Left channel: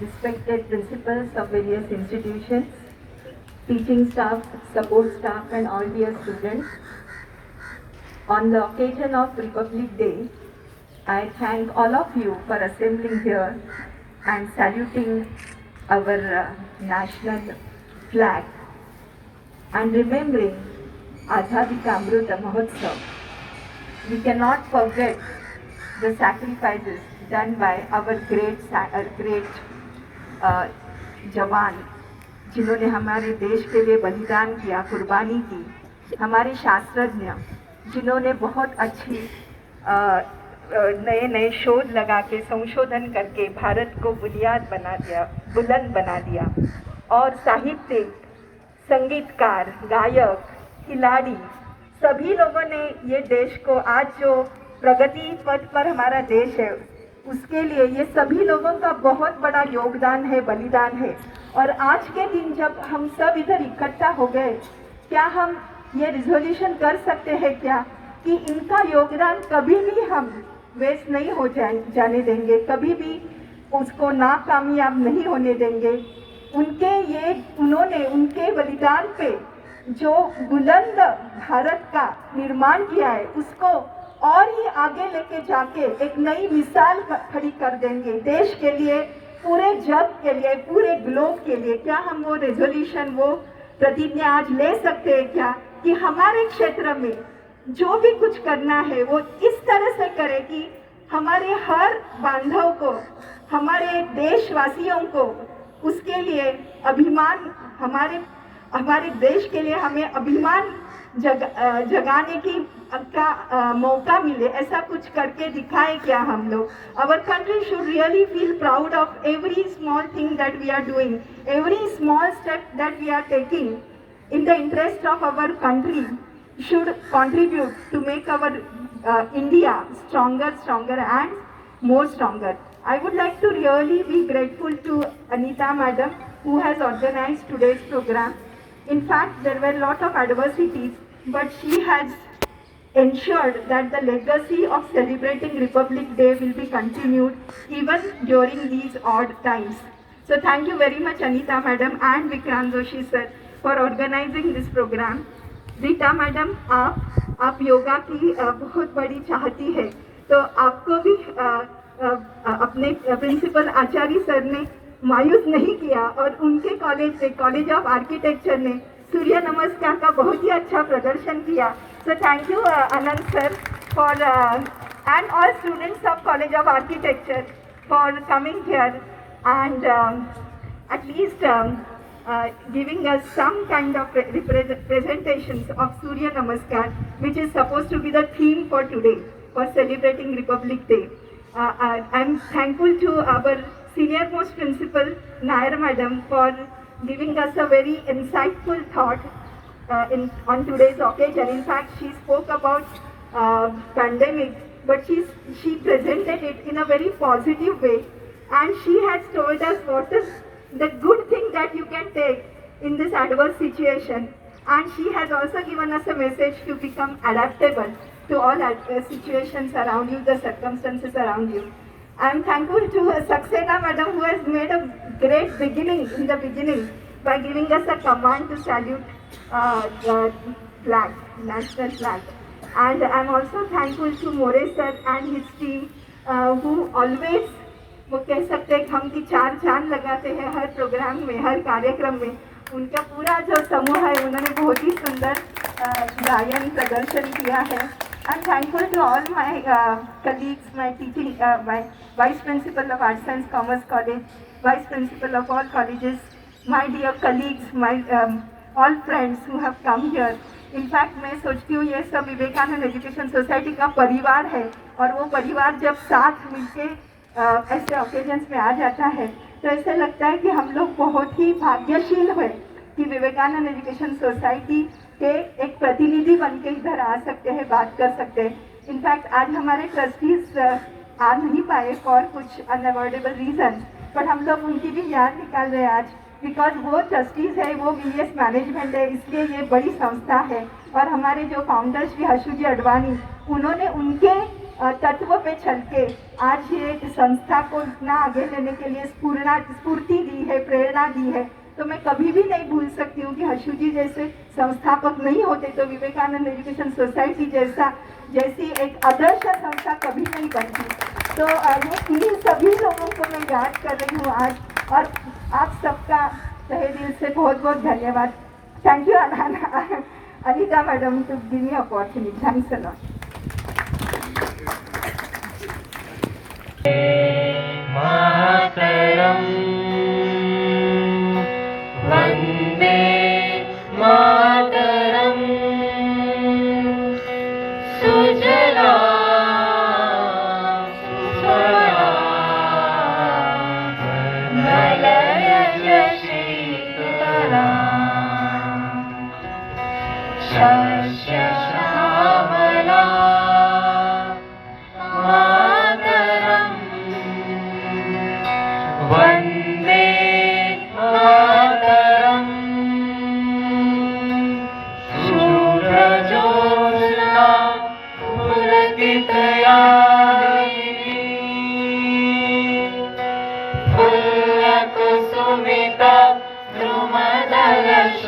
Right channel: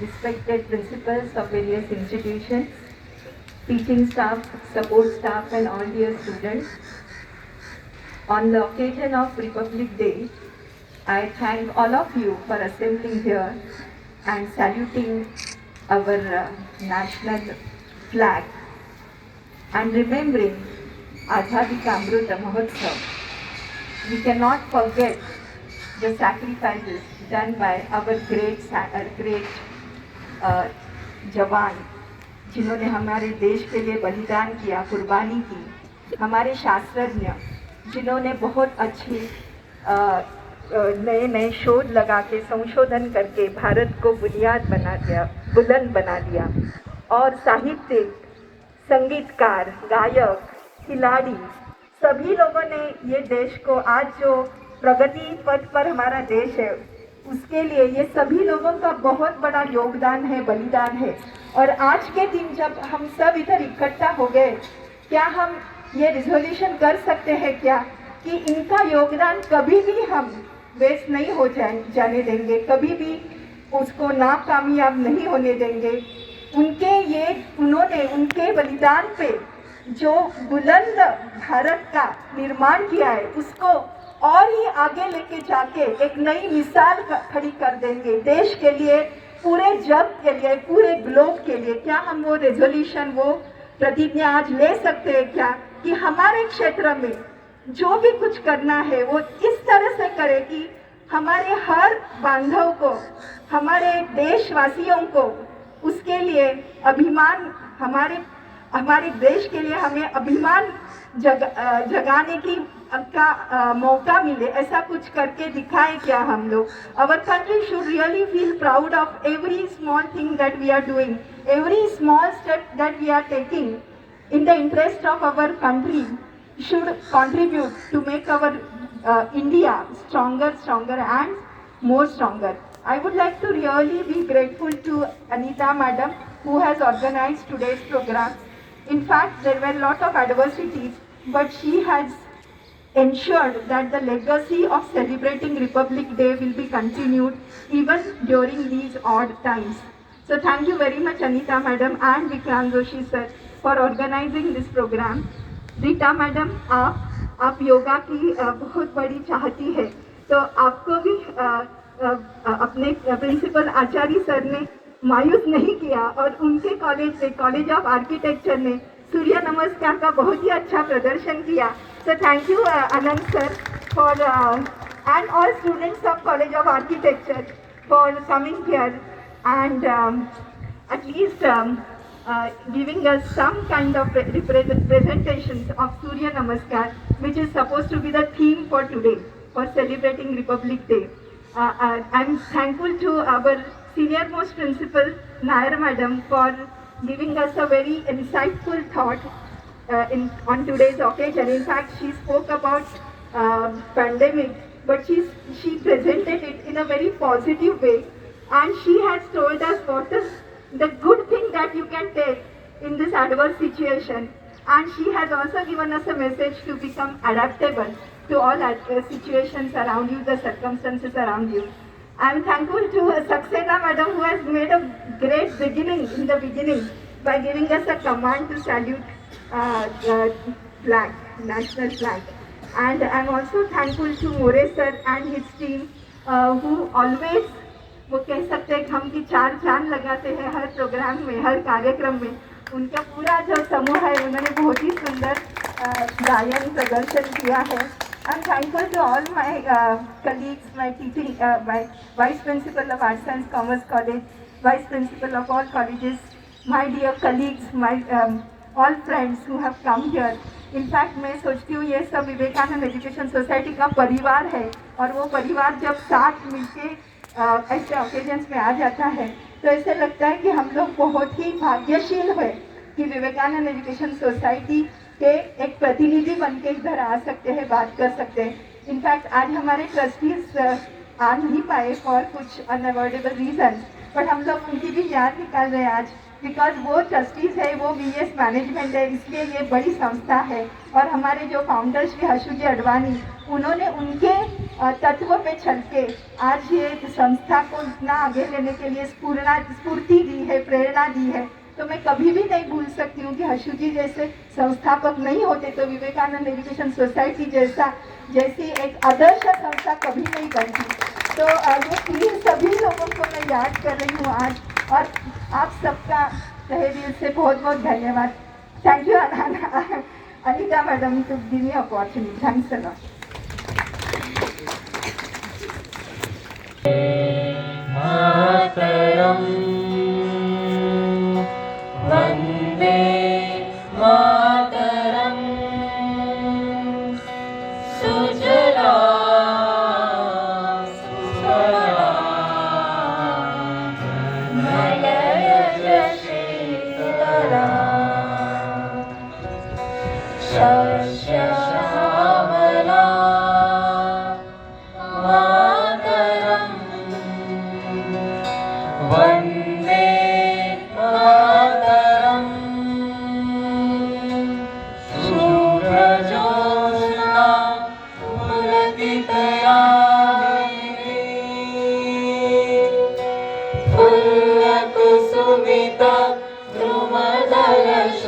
respected principals of various institutions, teaching staff, support staff, and all dear students. On the occasion of Republic Day, I thank all of you for assembling here and saluting our national flag and remembering Azadi Ka Amrut Mahotsav. We cannot forget the sacrifices done by our great जवान जिन्होंने हमारे देश के लिए बलिदान किया, कुर्बानी की, हमारे शास्त्रज्ञ जिन्होंने बहुत अच्छी नए नए शोध लगा के संशोधन करके भारत को बुनियाद बना दिया, बुलंद बना दिया, और साहित्य, संगीतकार, गायक, खिलाड़ी, सभी लोगों ने ये देश को आज जो प्रगति पथ पर हमारा देश है उसके लिए ये सभी लोगों का बहुत बड़ा योगदान है, बलिदान है। और आज के दिन जब हम सब इधर इकट्ठा हो गए, क्या हम ये रिजोल्यूशन कर सकते हैं क्या कि इनका योगदान कभी भी हम वेस्ट नहीं हो जाने देंगे, कभी भी उसको नाकामयाब नहीं होने देंगे। उन्होंने उनके बलिदान पे जो बुलंद भारत का निर्माण किया है उसको और ही आगे लेके जाके एक नई मिसाल खड़ी कर देंगे देश के लिए, पूरे जग के लिए, पूरे ग्लोब के लिए। क्या हम वो रेजोल्यूशन, वो प्रतिज्ञा आज ले सकते हैं क्या कि हमारे क्षेत्र में जो भी कुछ करना है वो इस तरह से करें कि हमारे हर बांधव को, हमारे देशवासियों को उसके लिए अभिमान, हमारे देश के लिए हमें अभिमान जगाने की का मौका मिले, ऐसा कुछ करके दिखाए क्या हम लोग। Our country should really feel proud of every small thing that we are doing, every small step that we are taking in the interest of our country should contribute to make our India stronger and more stronger. I would like to really be grateful to Anita Madam who has organized today's program. In fact, there were a lot of adversities, but she has ensured that the legacy of celebrating Republic Day will be continued even during these odd times. So thank you very much Anita Madam and Vikrant Joshi sir for organizing this program. Rita Madam, आप योगा की बहुत बड़ी चाहती है, तो आपको भी अपने प्रिंसिपल आचार्य सर ने मायूस नहीं किया और उनके कॉलेज ऑफ आर्किटेक्चर ने सूर्य नमस्कार का बहुत ही अच्छा प्रदर्शन किया। So thank you Anand sir for and all students of College of Architecture for coming here and at least giving us some kind of presentations of Surya Namaskar, which is supposed to be the theme for today, for celebrating Republic Day. I'm thankful to our senior most principal, Nair Madam, for giving us a very insightful thought on today's occasion. In fact, she spoke about pandemic, but she presented it in a very positive way, and she has told us what is the good thing that you can take in this adverse situation, and she has also given us a message to become adaptable to all situations around you, the circumstances around you. I am thankful to Saxena Madam who has made a great beginning in the beginning by giving us a command to salute the flag, national flag. And I am also thankful to More sir and his team who always, वो कह सकते हैं हम की चार चांद लगाते हैं हर प्रोग्राम में, हर कार्यक्रम में। उनका पूरा जो समूह है उन्होंने बहुत ही सुंदर गायन प्रदर्शन किया है। I'm thankful to all my colleagues, my teaching, my Vice Principal of Arts Science Commerce College, Vice Principal of all colleges, my dear colleagues, my all friends who have come here. In fact, मैं सोचती हूँ ये सब Vivekananda education society का परिवार है, और वो परिवार जब साथ मिलके ऐसे ओकेजन्स में आ जाता है तो ऐसे लगता है कि हम लोग बहुत ही भाग्यशील है कि विवेकानंद एजुकेशन सोसाइटी के एक प्रतिनिधि बन के इधर आ सकते हैं, बात कर सकते हैं। इनफैक्ट आज हमारे ट्रस्टीज आ नहीं पाए फॉर कुछ अनअवॉइडेबल रीजन, बट हम लोग उनकी भी याद निकाल रहे हैं आज, बिकॉज वो ट्रस्टीज है, वो VS मैनेजमेंट है, इसलिए ये बड़ी संस्था है। और हमारे जो फाउंडर श्री हर्षू जी अडवाणी उन्होंने उनके तत्व पे चल के आज ये संस्था को इतना आगे लेने के लिए स्फूर्ति दी है, प्रेरणा दी है। तो मैं कभी भी नहीं भूल सकती हूँ कि हर्षू जी जैसे संस्थापक नहीं होते तो विवेकानंद एजुकेशन सोसाइटी जैसी एक आदर्श संस्था कभी नहीं बनती। तो ये प्लीज सभी लोगों को मैं याद कर रही हूँ आज, और आप सबका तहे दिल से बहुत बहुत धन्यवाद। Thank you Anita madam to give me opportunity. Thanks a lot. मातरम वंदे मातरम सुजला सुफला मलयज शीतला शस्य श्यामला मातरम वंदे मातरम शुभ्रज्योत्स्ना पुलकितयामिनी फुल्लकुसुमित द्रुमदलशोभिनी